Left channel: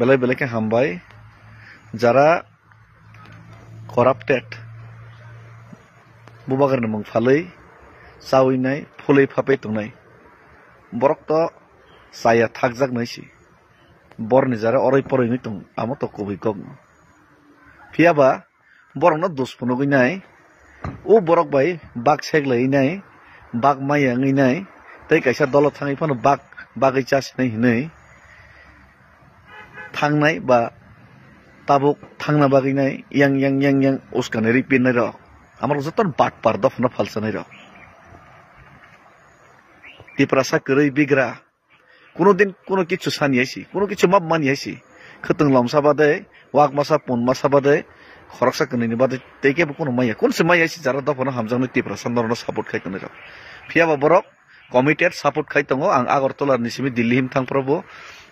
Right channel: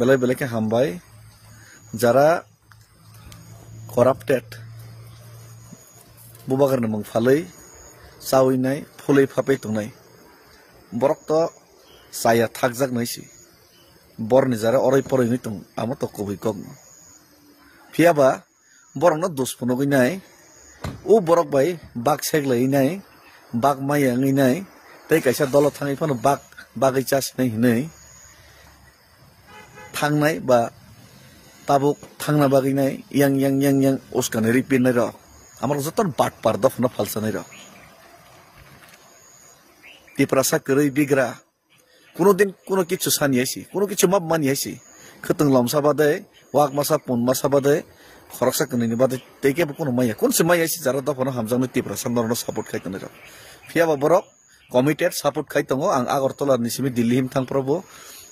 বেলে বেলেকে হামবাই যারা corrupted বুবাগাर mung falei chawinai phulei phapai tongnai borok to saya thakjak naisi borni jara orai poroi ni tung amo to kubui kok phiaba borok no dos puno ginai o borok bai bak seglai nai bak mayang nai tei kaisa dolo thangai phano bagai chas nai hinai thangnai ba tabuk thangna bagai nai yang oskanari pin nai ro আমার যতন বাট পার দফনা ফালসানাই র টিপ্রাসা করেই বিগ্রা কোনদিন কোনো কিছু সানিয়েছি কোনো কিছু মাপ মানিয়েছি খতং লমসা বাদে ওয়াক মাসা পুন মাসা বাদে খরকসা কনিনি বাদে তেকে কোনো মাইয়া কোনসে মাইয়াছি যারা দফনা হামজানো টিপ্রাসা নরনা সাপোর্ট খাইতনে র ফিয়াবা বরক কমিটেড সাপোর্ট খাইতঙ্গ আং আগরতলার নিসিমি দিল্লি হিম থাংপ্রবো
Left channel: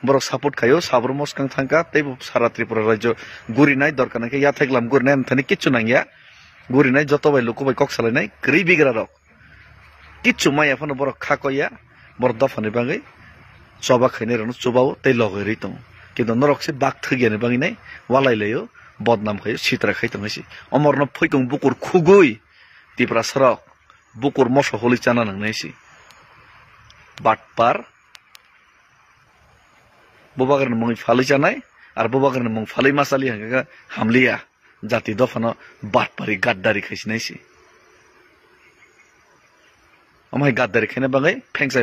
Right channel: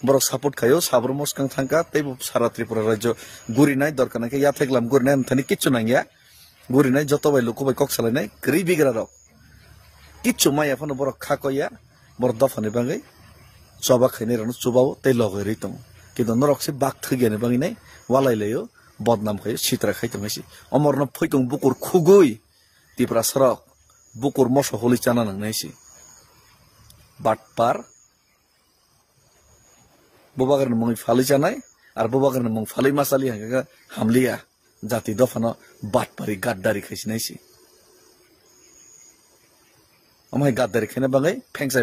বরক সাপোর্ট খাইও সাবর মস্কাং থাঙ্কা তেই সারা ত্রিপুরা রাজ্য গুরিনাই দরকার নাকি ইয়া থাকলাম গুরিনাই থানি কিচ্ছু নাঙ্গিয়া गुरिनाय जतबाय लुकुबाय कक सालायनाय ग्रि बिग्रा रक किच्छु माय एफानो बर खाकया बर दफानि बागै चबा खैने रनो चबाव तै लगै रैतु किन्तु नरकसे बाक थगियानि बागैनाय वालायलायो बदनाम खयो सित्रा खायतंगैसि अमरनो फैतुं बुकुर खुगुय तिप्रा सरक बुकुर मस होलि चाना नांनायसि बाटपार बुबागरनि मुं फालै जानाय आरो बुबागरनि मुं फालै मासालि हांगा हामलिया जाति दफानो बाटपारी गाद्दारी खाइसिनायसि ओमफ्राय गाद्दारी खायना बागै फेंसाय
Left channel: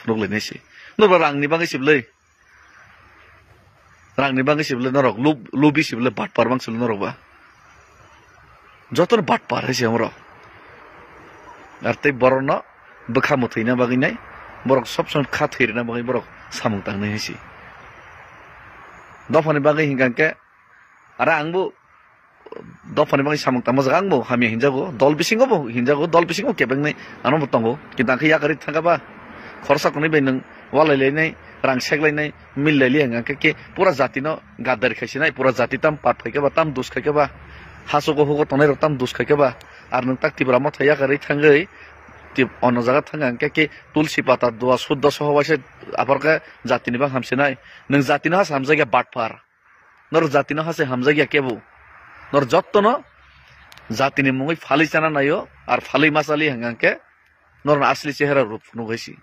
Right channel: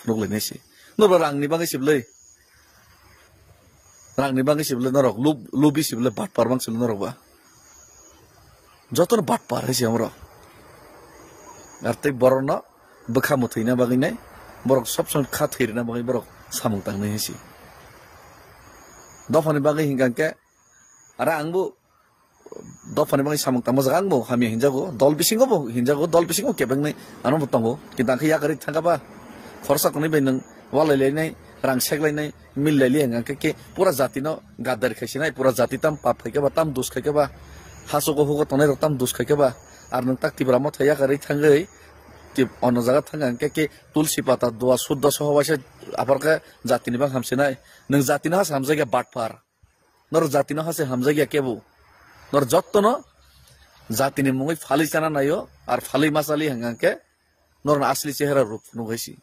फुनुगलायनायसि नरबा रांनि बागै सिबलै नरक लुबि सिबलै बाटपार बांसिल नरबा जतन बाटपार हैसे हमर आर तै बरनो बखा मथैना बागैनाय बरक सब सन खा थैरना बागै बरक सामु तांनाय हैसे दफानि बागै हिंगांके आरो आंबो दफानि बागै सामु तामज गांबो हामि हिंजागो दल बिसिंगो केबेंनाय आनो बतंगो किदांखै यागारि थांगाबा खरसा कोनै बे नों वालायलायनाय रां सेगलायनाय मिललायलि हांगांके के पुरा जातिनो गादारि खायसिनाय पुरा जाति ताम पाट खायखाबा ताम दोस खायखाबा हासोगो होगो तनाय ताम दोस खायखाबा आर नों ताकतिब्रा मथ यागारि थांगै टिप अन जागा थांगांके के तुलसी पाता दुआ शुद्ध सहवासे आफरका जातिनि बा हामसिनाय नों जातिनो हास हामजायगा बाटपार नर जातिनो हासे हामजायगा केबो नर जत्तनो जातिनि मुङै फालै जाना नायो आर फालै मासालि हांगांके नर असली चेहरा रूप नुगैसि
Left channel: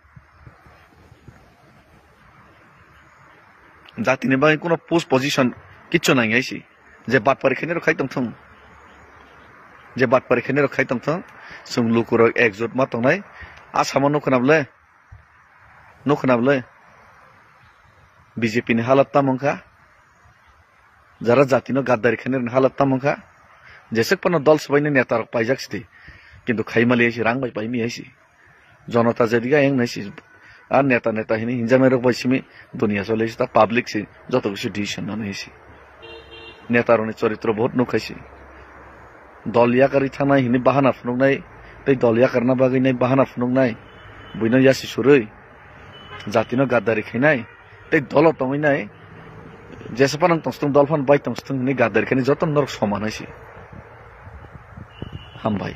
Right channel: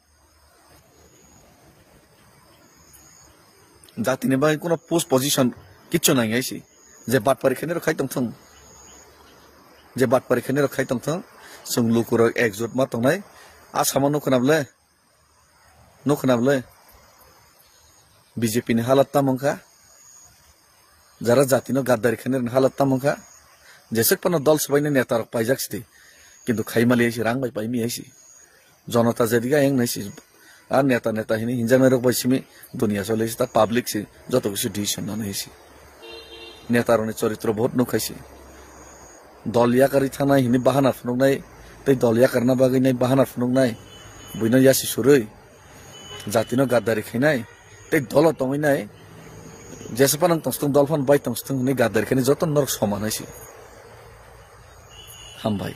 जातिनि बागै कोनो पोस्ट पोजिशन किच्छु नांगायसि जे बात परिखेने खायतम थं जे बात परिखेने खायतम थं जों लुकुर एकजुट मा तंनाय आसामाव नखनाबले बीजेपी नि हालत तामंखा जरा जातिनो गाद्दारी खेने हालत तामंखा जैसे पन दल सबाइने नेता पाइजाक्सि किन्तु खाइमालेसि रां बाय पाइमि आइसि जनता जदिगा एं नाइसि आ नेता हिनि हिंजामे रक बाइसिमि दुनिया चलेसि ता पब्लिक सि जतोसि डिसिसन नाइसि नेतारनि चरित्र बहुत नखाइसि दलिया करि थानाय हिनि बाहाना फुनुगनाय तै दलिया करना बागैनाय बाहाना फुनुगनाय बुइनो यासि सुरै जातिनो गाद्दारी खैनाय तै दल तंगैनाय जेसेबां तंस्तं दलफान बाय तंस्तं नि गादार खेने जतन नरक समानायसि हामबाय।